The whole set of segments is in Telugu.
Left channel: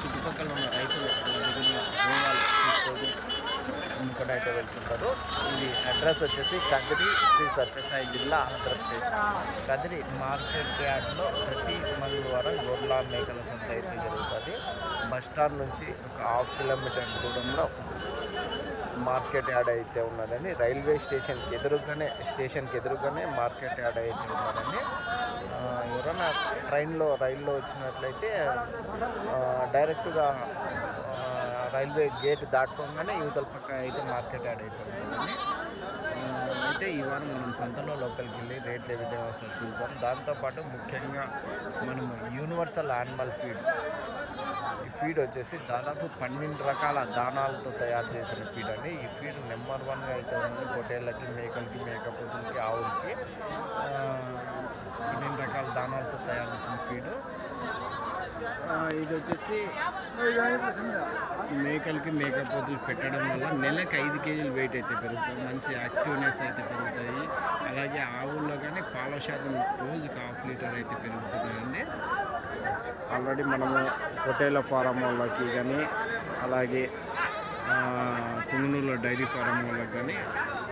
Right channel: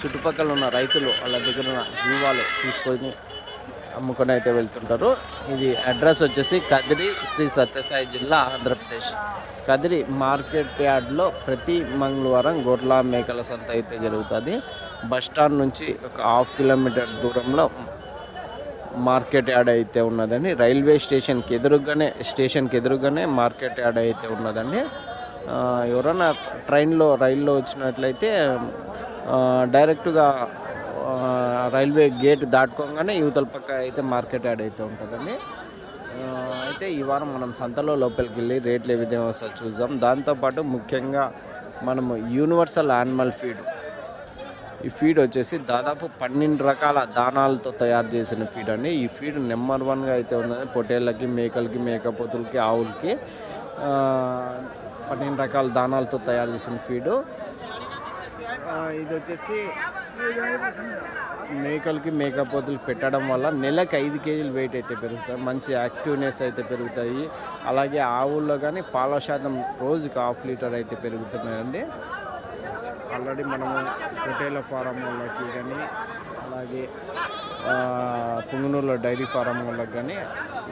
చుట్టుపక్కల ఉన్న రైతులు వాళ్ళ దగ్గర ఉన్న జీవాలు తీసుకొని అమ్ముకొని అయితే వెళ్తుంటారు. ఇది అడ్రస్ వచ్చేసి కదిరి శ్రీ సత్యసాయి జిల్లా ఆంధ్రప్రదేశ్. కదిరి మార్కెట్ యార్డ్లో ప్రతి మంగళవారం గొర్రెల మేకల సంత అయితే జరుగుతుంది. బస్టాండ్ నుంచి ఒక హాఫ్ కిలోమీటర్ దూరంలో మార్కెట్ యార్డ్ అయితే ఉన్నదండి. రైల్వే స్టేషన్కి ఎదురుగానే స్టేషన్కి ఎదురుగానే మార్కెట్ యార్డ్ అయితే ఉన్నదండి. ఎవరైనా ట్రైన్లో రైల్లో వచ్చినట్లయితే డైరెక్ట్గా రైల్వే గేట్ దాటుకోగానే యువతల పక్క అయితే మార్కెట్ యాడ్ అయితే ఉంటుందండి. అయితే ఈ వారం మనం సంతలో లోపలికి వెళ్ళి రేట్లు ఏ విధంగా వస్తాయో చూద్దాం. దాంతోపాటు ముఖ్యంగా మనము యూనివర్సల్ యానిమల్ ఫీడ్. ఈ ఫీడ్ వచ్చేసి దాదాపు పన్నెండు రకాల దానాలతో తయారు చేసిన ఫీడ్ అండి. ఈ ఫీడ్ నెంబర్ వన్గా అయితే ఉన్నది. పొట్టేళ్ళకి మేకలకి మేకపోతులకి ఆవులకి. పన్నెండు రకాల దానాలతో తయారు చేసిన ఫీడు. ఇది వచ్చేసి మేకలకి మేకపోతులు పెట్టడం వల్ల నెలకు ఐదు కేజీలు వెయిట్ అయితే పెరుగుతుంది మంచి యాక్టివ్నెస్ అయితే పెరుగుతాయి. అలాగే ఆవుల్లో కానీ పాల శాతం రోజుకి హాఫ్ లీటర్ అయితే పెరుగుతున్నాయండి. ఆల్రెడీ మనము పొటేల ఫారం వాళ్ళకి కానీ అలాగే పుంగనూరులో డైరీ ఫారం వాళ్ళకి కానీ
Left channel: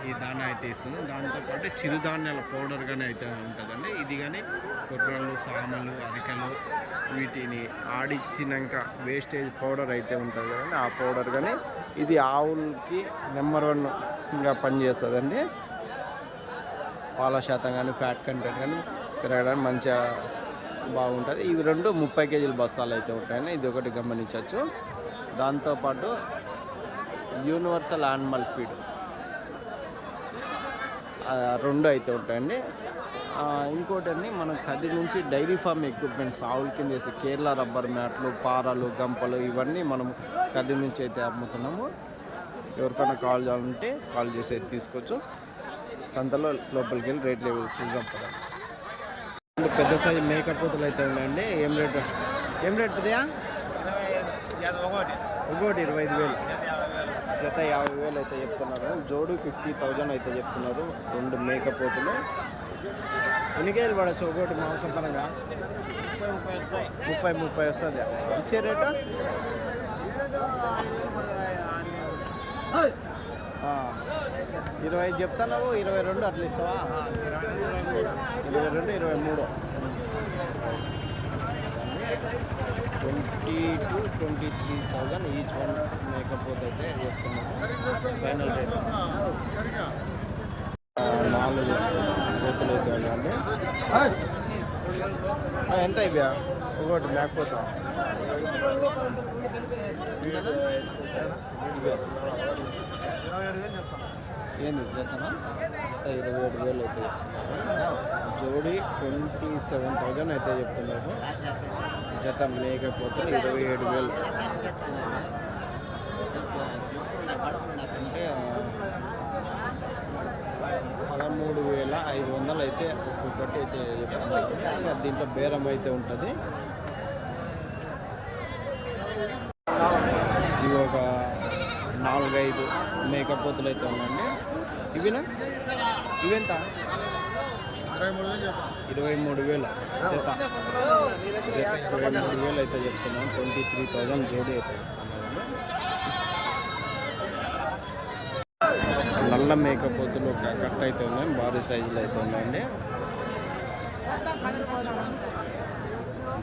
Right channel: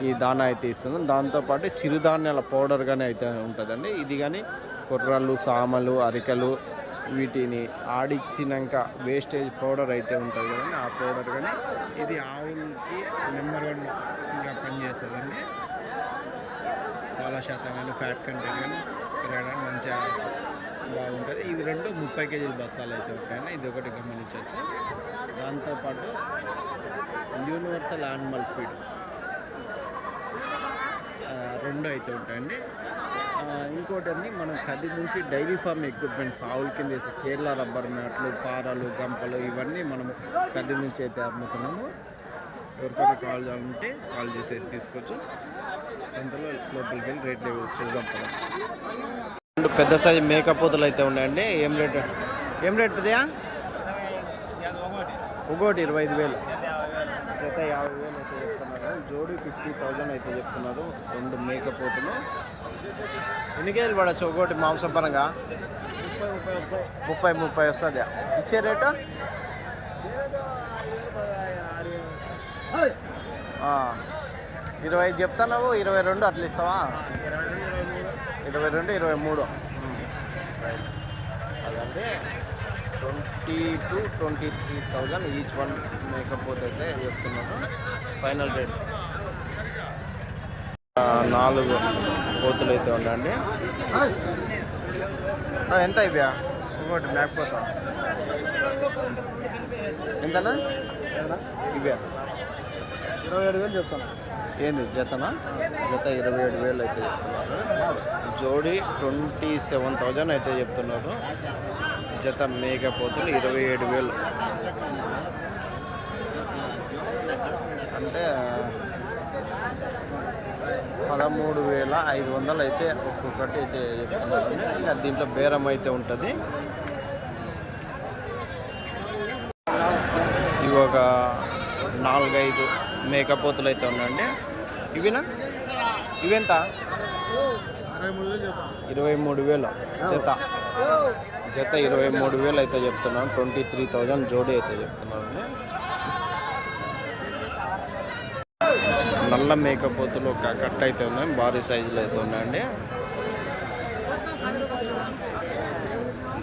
ఈ దానా అయితే ఇస్తున్నాం. దాంతోపాటు చిరుధాన్యాల పౌడర్ కానీ అయితే ఉంటుందండి. ఇది కానీ కుర్రలు సామలు అరికలు వీటిని ఆడిచ్చినాక వేస్టేజ్ పౌడర్ అయితే ఉంటుంది కదండి. ఆ పౌడర్ కానీ ఇది ఆవులకి నెంబర్ వన్గా పనిచేస్తుందండి. పాల శాతం కానీ ఫ్యాట్ కంటెంట్ కానీ పెరగడానికి మంచిగా బాగుంటుంది. ఇవి రెండు ముప్పై కేజీల బస్తాలు అయితే ఉంటాయని ఇది ఒకటి గమనించవచ్చు. దాంతోపాటు యూనివర్సల్ యానిమల్ ఫీడ్. రెండు అయితే ఉంటాయండి. ఆ, ఇంకోటి అండి మనం కది నుంచి డైరీ ఫార్మ్ ఎక్విప్మెంట్స్ ఆవుల కింద వేసే కేరళ రబ్బర్ మ్యాట్లు పారలు గంపలు ఇవన్నీ మనము కది నుంచి అయితే అమ్ముతున్నాము. ఎవరికైనా కాల్ చేయాలంటే కాల్ చేసి అయితే తీసుకోవచ్చు. సంతలో లోపలికి వెళ్ళి రేట్లు చూద్దాం పదండి రెండు పెద్ద సైజు మేకపోతులు అయితే ఉన్నాయండి. ఏం రేట్? ఏం రేట్ పెద్దయా ఒకటి. ఇంకోటి ఇరవై ఐదు వేలు. జత యాభై వేలు అయితే చెప్తున్నారు. జోడి ఫిఫ్టీ థౌజండ్ అయితే చెప్తున్నారు రెండు మేకపోతులు. ఎన్ని కేజీలు పడచ్చు ఒకటి మాంసపరంగా? ముప్పై ముప్పై వస్తుంది. ఇచ్చే రేటు? ఇరవై ఐదు చెప్తున్నావు ఇరవై రెండు అట్లా ఇస్తావా? ఇరవై రెండు ఇరవై మూడు. ఇరవై రెండు ఇరవై మూడు. రైట్ అదండి. Twenty two twenty three thousand each one మేకపోతే అయితే చెప్తున్నారు. Final rate. నాలుగు కోతులు అయితే ఉన్నాయండి ఎంత అయిపోయా ఒకటి మేకపోతా. ఎంతనా? ఇవ్యా ఇరవై ఏడు వేలు చెప్తాను ఏంది? జతనా? జత ఇరవై ఏడు వేలు అయితే చెప్తున్నారు. జోడి ట్వంటీ సెవెన్ థౌజండ్ అయితే చెప్తున్నారు. జత మేకపోతులు ఇరవై ఏడు వేలు. అంటే పదమూడు వేల ఐదు వందలు అయితే ఒక్కొక్కటి అయితే చెప్తున్నారండి. ఇంకా దీంట్లో బేరం అయితే ఉంటుంది. ఇవి ఒక నాలుగైదు మేకపోతులు అయితే ఉన్నాయండి. ఇవినా? ఇవెంత అరవై మూడు వేలు చెప్తాను ఇరవై మూడు వేల. జత. జత ఇరవై మూడు వేలు అయితే చెప్తున్నాను ట్వంటీ త్రీ థౌజండ్ జోడీ అయితే చెప్తున్నారండి నల్ల మేకపోతులు ఒక కట్ అయితే ఉన్నాయి. భారీ సైజులో అయితే ఉన్నాయండి.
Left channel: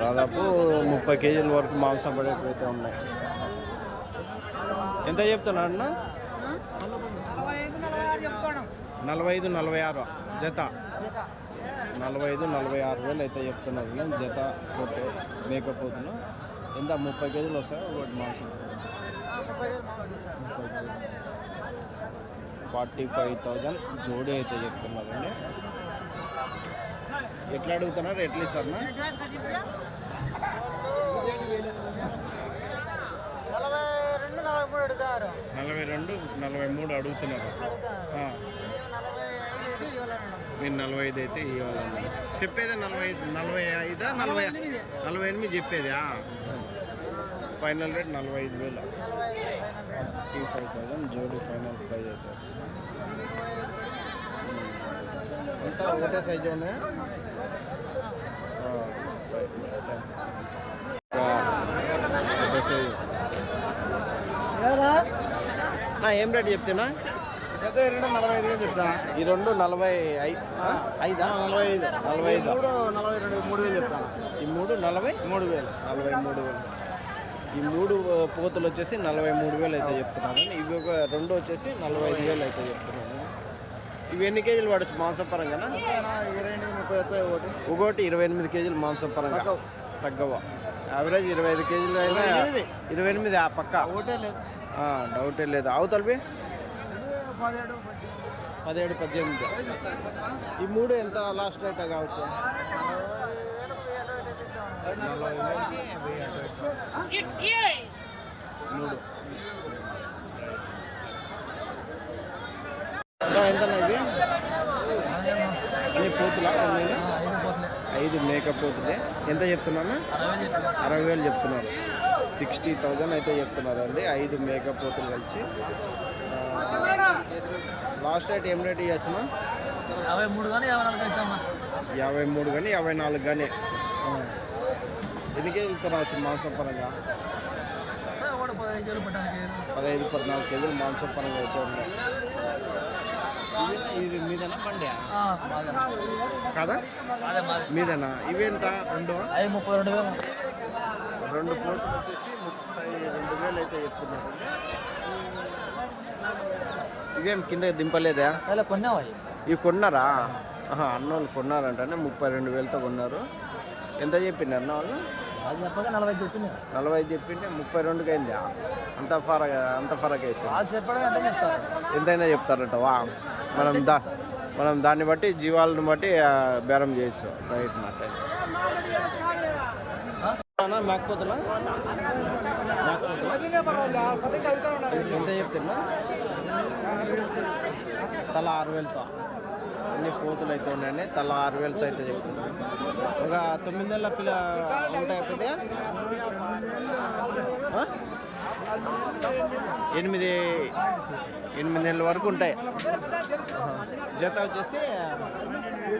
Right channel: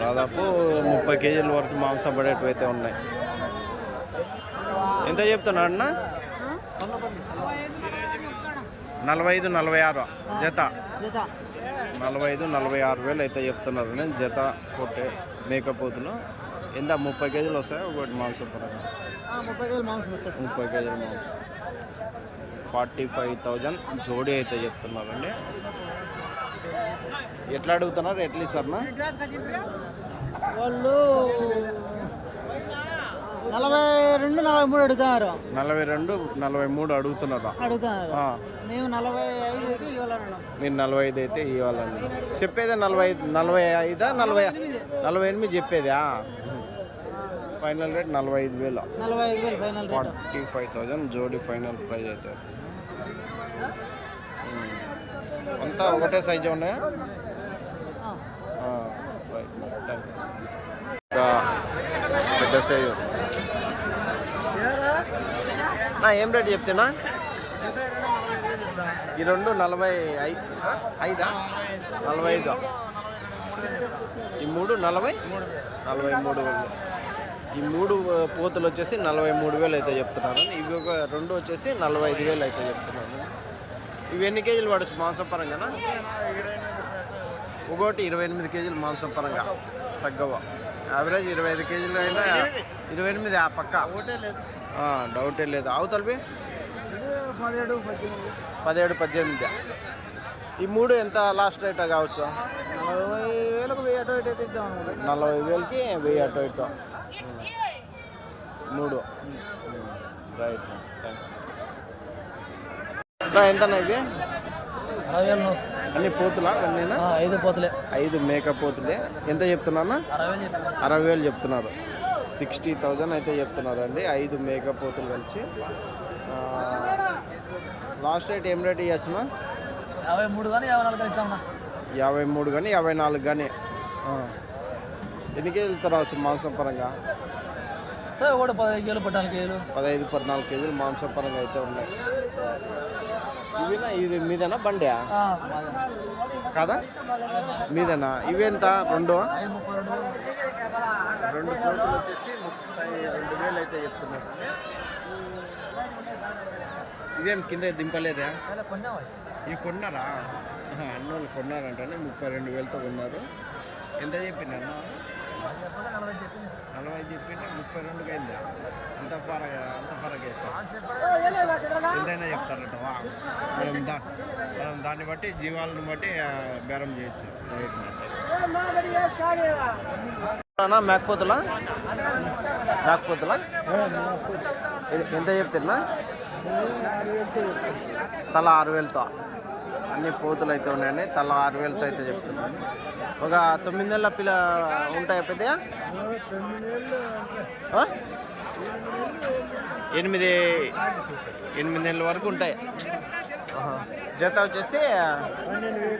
దాదాపు ముప్పై కేజీల వరకు మాంసం పడేటివి అయితే ఉన్నాయి. ఎంత చెప్తున్నాడు అన్న? నలభై ఐదు నలభై ఆరు జత. నలభై ఐదు నలభై ఆరు వేలు అయితే చెప్తున్నారు నేను. జత కొట్టే మేకపోతులు ఎంత? ముప్పై కేజీలు వస్తాయి? ఒకటి మాంసం పరంగా ముప్పై కేజీల మాంసం. ఫార్టీ ఫైవ్ థౌజండ్ జోడీ అయితే చెప్తున్నారండి. ఎట్లా అడుగుతున్నారు? ఎట్లా ఇస్తారన్నా వాళ్ళు నలభై రెండు నలభై మూడు అడుగుతున్నారు. నలభై రెండు నలభై మూడు అడుగుతున్నారా? అడుగుతున్నారు. మేము నలభై మీరు నలభై ఐదు అయితే ఇవ్వాలని. చెప్పేదే నలభై ఐదు నలభై ఐదా నలభై నలభై ఎనిమిది చెప్పేదా ఫైనల్ రేట్ నలభై ఐదు వేలు. ఫార్టీ ఫైవ్ థౌజండ్ జోడి ఫైనల్ ప్రైజ్ అవుతుంది. అంతా ఒకటే సైజు ఉన్నాయా? రైట్ థ్యాంక్స్ ఇంకా పెద్ద సైజు. నా ఏం రేట్ చెప్తున్నా? ఈ రెండు నలభై? ఐదా నలభై ఐదు? ఈ మూడు నలభై? నలభై మూడు వేలు. ఈ మూడు పోతులు వచ్చేసి నలభై మూడు వేలు అయితే చెప్తున్నాను. ఇవి ఒక రెండు వచ్చేసి నలభై ఐదు వేలు అయితే చెప్తున్నాను. ఇవి ఎన్ని కేజీలు పడచ్చు మాంసం పరంగానా ఇరవై ఎనిమిది ముప్పై వచ్చాయి ఒకటి ఇరవై ఎనిమిది కేజీలు మాంసం పరంగా తగ్గవ? యావరేజ్ ఇరవై ఐదు కేజీలు అయినా ఇరవై ఎనిమిది. ఆ పక్క. డౌటే లేదు. అవతలవి పదిహేడు పద్దెనిమిది. ఈ మూడు ఎంత లాస్ట్ రేట్ కావచ్చు? నలభై వేలకు వెయ్యి అటు ఇటు. మూడు. రైట్ ఎంత ఇవి? అన్ని పోతులా? అన్నీనా ఐదు పోతలే. ఐదు మేక పోతులే. ఎంత చెప్తున్నా అరవై వేలు చెప్తున్నారు. సిక్స్టీ థౌజండ్ అయితే చెప్తున్నారు అండి ఐదు మేక పోతులు కలిసి. లాస్ట్ రేట్ ఏం రేట్ ఇవ్వచ్చునా యాభై మూడు కానీ యాభై నాలుగు ఇచ్చామన్నా యాభై మూడు కానీ యాభై నాలుగు కానీ. ఎన్ని కేజీలు రావచ్చు మాంసం పరంగా పదహైదు పద్నాలుగు కేజీలు. మాంసం పరంగా అయితే ఉన్నాయి. ఇది మీదేనా బండి కాదా? మీదేనా? ఇవెంత? రెండు? రెండు పోతులు వచ్చేసి ముప్పై రెండు వేలు అయితే చెప్తున్నారండి. ఇవేం కింద దింపలేదా? ఇవి కొన్నారా? ఆహా, అన్నోళ్ళు కొన్నారంటనే ముప్పై రెండు వేలతో కొన్నారు. ఎంత చెప్పింది అన్న వాళ్ళు? నలభై చెప్పింది. నలభై ఐదు చెప్పింటే ముప్పై రెండుకి అయిందా? అంత ఫరక్ అంత ఫరక్ అయితే ఎంతైనా చెప్తారట వా. మనం దా మనం దాన్ని బట్టి జీవాలను బట్టి బేరం చేయొచ్చు. రైట్ మా థ్యాంక్స్ అన్నా మేకపోతులా? మేకపోతులా? ఎంత చెప్తున్నా? తల ఆరు వేలతో. అన్ని పోతులు అయితే ఉన్నాయండి తల ఆరు వేలతో అయితే చెప్తున్నాను ఒక తొమ్మిది నెలల పిల్ల ఉంటాయి పెద్దగా ఎనిమిది ఎనిమిది నెలల వరకు ఉంటాయి. జత వచ్చేసి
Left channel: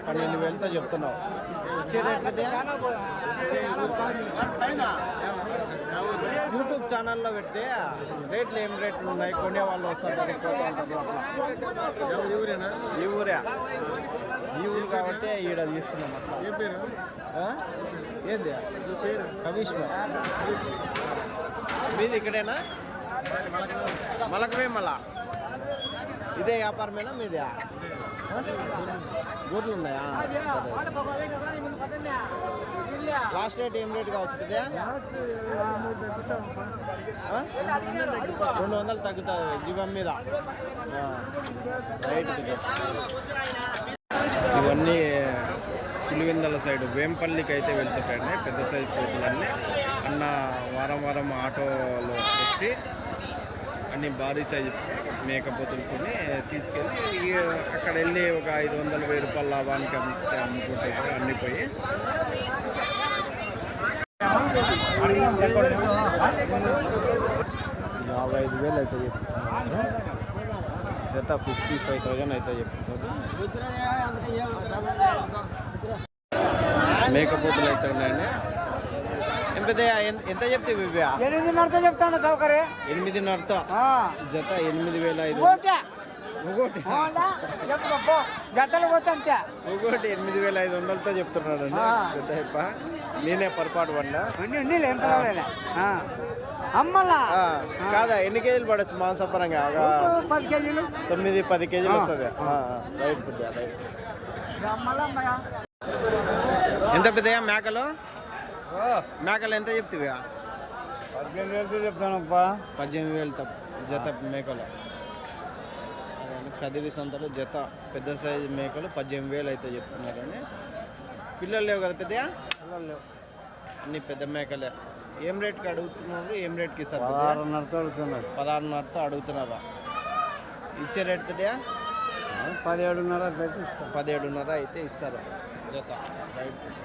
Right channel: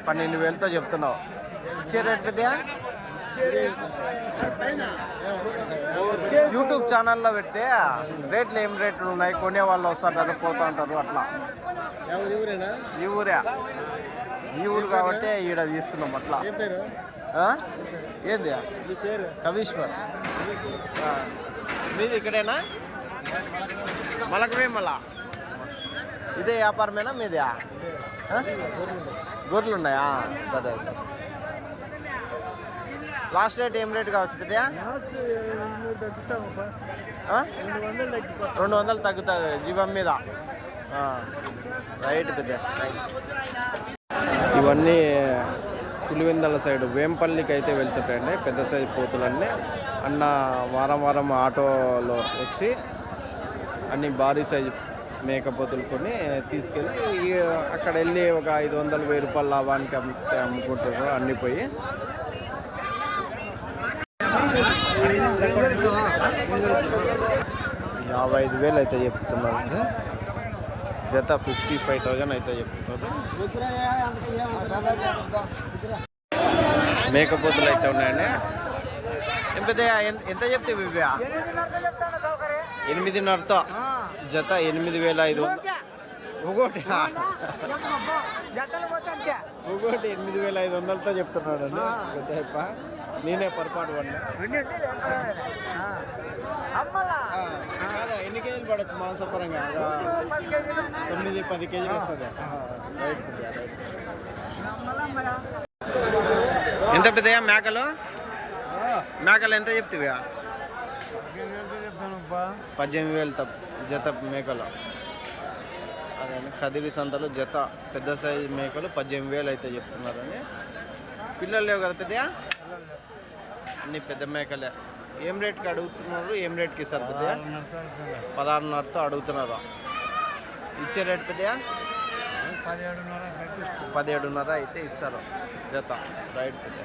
పన్నెండు వేలతో చెప్తున్నావు. ఇచ్చే రేట్ పెద్దయా యూట్యూబ్ ఛానల్లో పెడితే రేట్లు ఏం రేట్లు ఉన్నాయి? కొనే వాళ్ళు వస్తుంటారు పోతూ ఉంటారు అట్లా. ఈ ఊరే. ఈ ఊరు కాబట్టి ఈడ తీస్తున్నాం అట్లా. ఏంది? కవీశ్వర్. మీది ఇక్కడేనా? మలకవే మళ్ళా ఇదే వ్యాపారమేనా మీదే? గొర్రెలు ఉన్నాయా? సరే సరే. లాస్ట్ రేట్ ఏం రేట్ కావచ్చు పెద్ద రెండు వందలు తగ్గుతుంది జీవం మీద. రైట్ పెద్ద ఇవన్నీ పులివెందల సైడ్ వేంపల్లికి అయితే వెళ్తుంటాయండి పెద్ద సైజు పోతులన్నీ. అన్న వారం వారం ఆటోలో వచ్చి అన్ని భారీ సైజు మేకపోతులు కొని తీసుకెళ్ళి అక్కడ వెళ్ళి ఒక ఐదు వందలు వెయ్యి రూపాయల లాభానికి అమ్ముకుంటారు అన్ని పోయి. యాభై ఐదు వేలు అయితే చెప్తున్నారు. అంటే జత ఫిఫ్టీ ఫైవ్ థౌజండ్ అయితే చెప్తున్నారు. మేకపోతులు అయితే ఉన్నాయండి. ఏం పెద్ద ఎంత చెప్తే ఇవ్వా ఎనిమిదిన్నరతో జత ఎనిమిది వేల ఐదు ఒకటి ఒకటి ఎనిమిది వేల ఐదు వందలతో చెప్తున్నాడండి. పెద్ద అయిప నేనే పొరపాటు పడినా కాదా ఎన్ని కేజీలు పడచ్చు మాంసపరంగా? తొమ్మిది పది కేజీలు వస్తుంది. రైట్ పెద్ద రైట్. ఎంత పెద్దయా మేకలు? మేకలు ఎంత చెప్తివా? పద్దెనిమిది వేలు తప్ప జత మేకలు. అదండి కదిరి సంతలో జత పెద్ద సైజు మేకలు పద్దెనిమిది వేలు అయితే చెప్తున్నారండి పిల్లలు లేవు కదా పెద్దయా అన్ని పెద్ద మేకలే. ఏం రేట్కి అడుగుతున్నారు? ఏం రేట్కి ఇస్తారు పెద్దయా పదహారున్నరతో అడుగుతున్నారు. ఇచ్చే రేట్ పెద్దయా పదిహేడున్నర పదిహేడున్నర అయితే ఇస్తారు. జత. రైట్ పెద్ద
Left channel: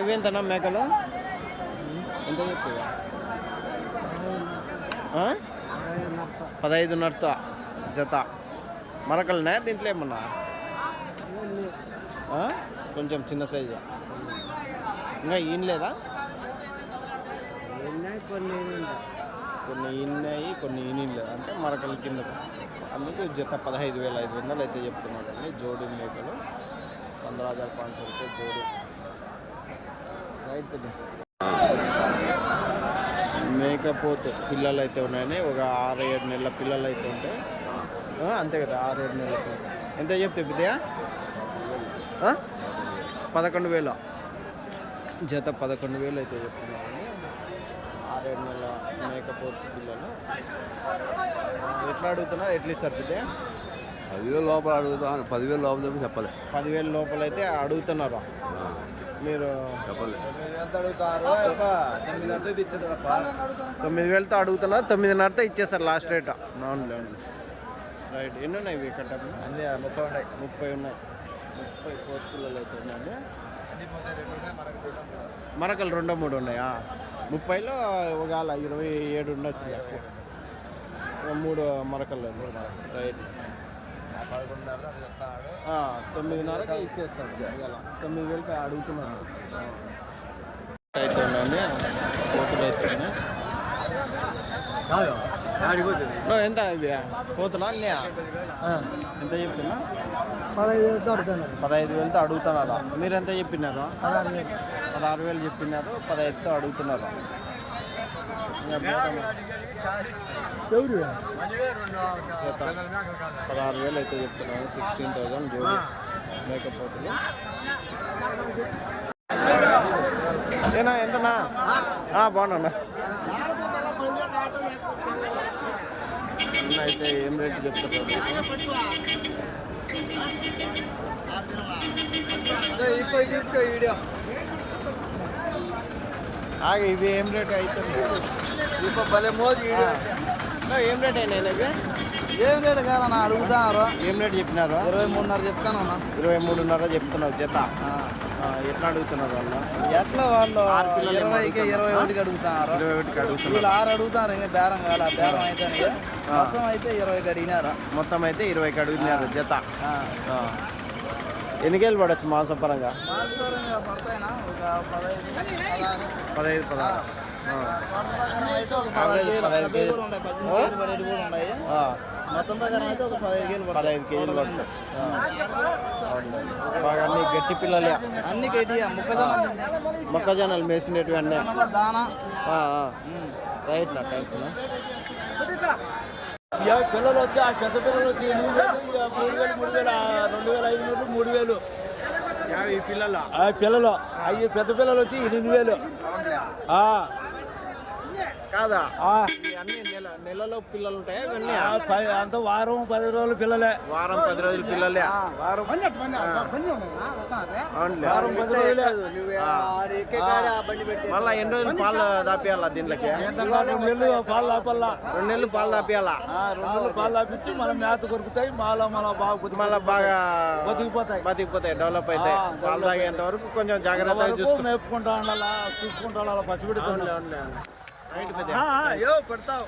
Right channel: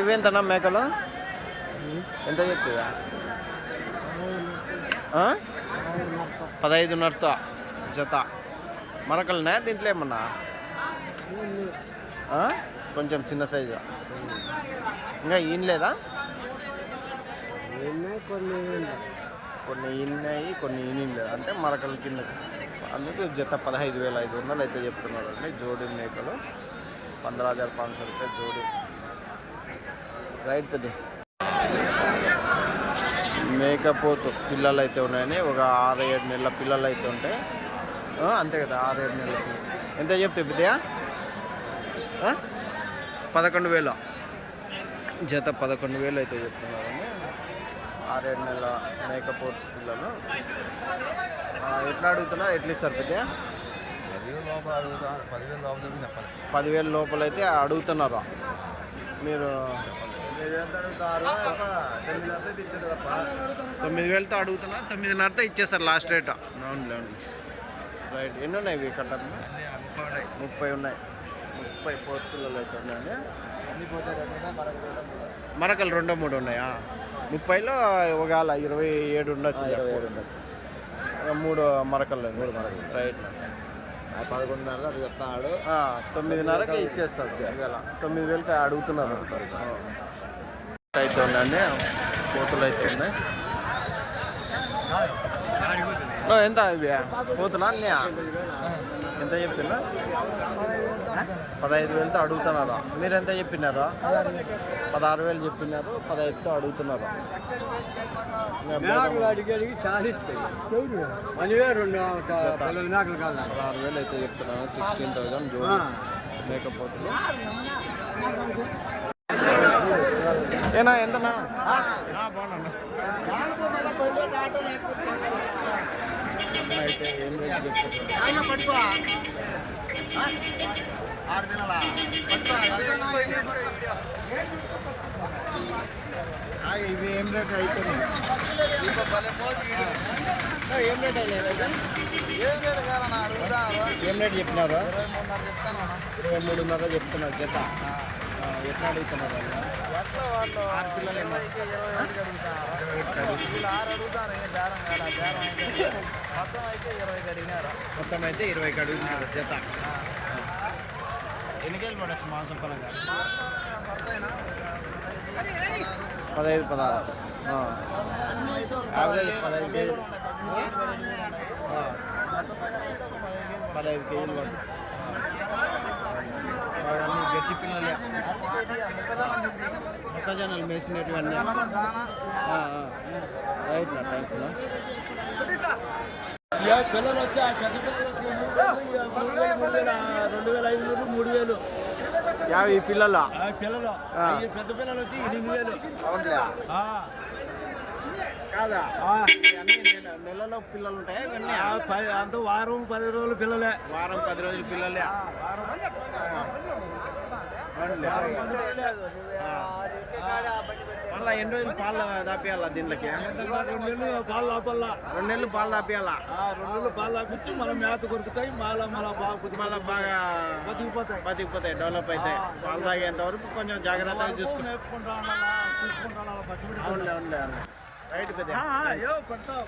ఇవేంతనా మేకలు? ఎంత చెప్తావా ఆ? పదహైదున్నరతో జత. మరకలున్నాయా? దీంట్లో ఏమన్నా? ఆ? కొంచెం చిన్న సైజు ఇంకా ఈయన లేదా కొన్ని కొన్ని ఈనాయి కొన్ని అంటే మరకల కిందకి. అందుకు జత పదహైదు వేల ఐదు వందలు అయితే చెప్తున్నారు అండి జోడి మేకలు పంద్రహ హజార్ పాంచ్ రూపాయలు జోడి. రైట్ పెద్ద. మేకపోతు పిల్లలు అయితే ఉన్నాయని ఒక ఆరు ఏడు నెలల పిల్లలు అయితే ఉంటాయి అంతే కదా ఆరు ఏడు నెలల పిల్లలు ఎంత చెప్తే పెద్దయా? పదకొండు వేలు. జత పదకొండు వేలు అయితే చెప్తున్నారండి. ఆరేడు నెలల మేకపోతు పిల్లలు. ఆ, ఎట్లా అడుగుతున్నారు? ఎట్లా ఇస్తారు పెద్ద పదివేలు లోపల అడుగుతాను పదివేలు లోపల చెప్పి చెప్పాలి పదివేల లోపల అయితే అడుగుతున్నారు? మీరు తొమ్మిది వేలతో అడుగుతున్నారు. తొమ్మిదిన్నరతో ఇచ్చేస్తారు లాస్ట్ రేట్. అవును రైట్. ఎన్ని ఉన్నాయి ఇవి కట్టలు ముప్పై ఉన్నాయి. ముప్పై ఉన్నాయి. ముప్పై పోతు పిల్లలు అయితే మూడు మరకలు రెండో మూడు ఉన్నాయా? ముప్పైలో ఒకవేళ ఇరవై ఏడు ఉండొచ్చు మూడు మరకలు రైట్ తొమ్మిదిన్నరకి ఇచ్చేస్తాడు ఇవాళ తొమ్మిది వేలకి అడుగుతున్నారు. అయితే ఉండండి పోతులు అయితే ఉన్నాయి. ఎంత ఇవి? పోతున్నా ఎంత చెప్తున్నా? పదహైదు వేలతో అడుగుతున్నారా. మీరు ఎంత చెప్పినారా? పదహారు వేలు చెప్పినారు పదహైదుతో అడుగుతున్నారు. పదహారు వేలు అయితే చెప్తున్నాను సిక్స్టీన్ థౌజండ్ జోడి మేకపోతులు. ఏనా ఎంతనా? ఆ, బాగున్నా అన్న అయితే ఏం రేట్ చెప్తున్నారు? ఆ, ఇవి ఏం రేట్ అవుతుంది. నా, ఏం రేట్ అయినాయి? ఏం కాదన్నా అడుగుతారు ఏం రేట్ చెప్పినారు? ఇరవై మూడున్నర చెప్తాను ఇరవై మూడున్నర చెప్తున్నారు జత. ఎట్లా అడుగుతున్నారు వాళ్ళు? ఎట్లా వాళ్ళు? ఆరు పిల్లలు. ఇరవై? ఒకటికి అడుగుతున్నారు. ఇరవై ఒకటికి అడుగుతున్నారు. ఆరు అడుగుతారు ఇంకా బేరం బేరం అయితే. ఆ. మొత్తం అయితే ఇరవైకి అడిగినారు. మొత్తం అయితే ఇరవైకి అడుగుతున్నారు జత. ఎన్నికేళ్ళు పడచ్చు మాంసం పరంగా పదహైదు, పదహారు. యావరేజ్ పదహైదు కేజీలు. పదహైదు కేజీలు పడతాయి. బాగా అన్ని గట్టి పిల్లలే. మొక్కజొన్నలు. మేసినవి అన్నీ. రైట్ నా థ్యాంక్స్ నా. ఇక పిల్లలు వచ్చి ఆ పెద్ద పిల్లలు వచ్చి ఎనిమిది వేలు, ఇక మూడు వేలు మూడు వేలు ఆ రెండు వేల ఐదు నూరు మూడు వేలు. యాభై పిల్లల. ఆ పిల్లలు అవి పెద్ద పిల్లలు వచ్చి ఎనిమిది వేలు. ఆ, కాదా? అన్ని నెల నెలలో పిల్లలు ఉంటాయా ఇవన్నీ? అంత వారం పది రోజులు పిల్లలే. వారం పది రోజుల పిల్లలే. ఆ, వారం. ఆ. అవునులే. వారం పది రోజులే. ఆ. మళ్ళా ఎన్ని రోజులు పాలు దాపియాలా దీంట్లోకి? రెండు నెలలు పాలు లోపల రెండు నెలలు పాలు దాపియాలా? రెండు నెలలు పాలు లాపించి మన మేత కొరుకుతాయి మళ్ళీ మన బాగా కొద్ది- మళ్ళా బాగా బతికిపోతాయి. బతికిపోతాయి డెవలప్ అవుతాయి. పాలు తాగేంత వరకు కొంచెం జాగ్రత్తగా చూసుకుంటా అవునులే అవునులే అవునులే. రైట్ పెద్ద. పెడతావు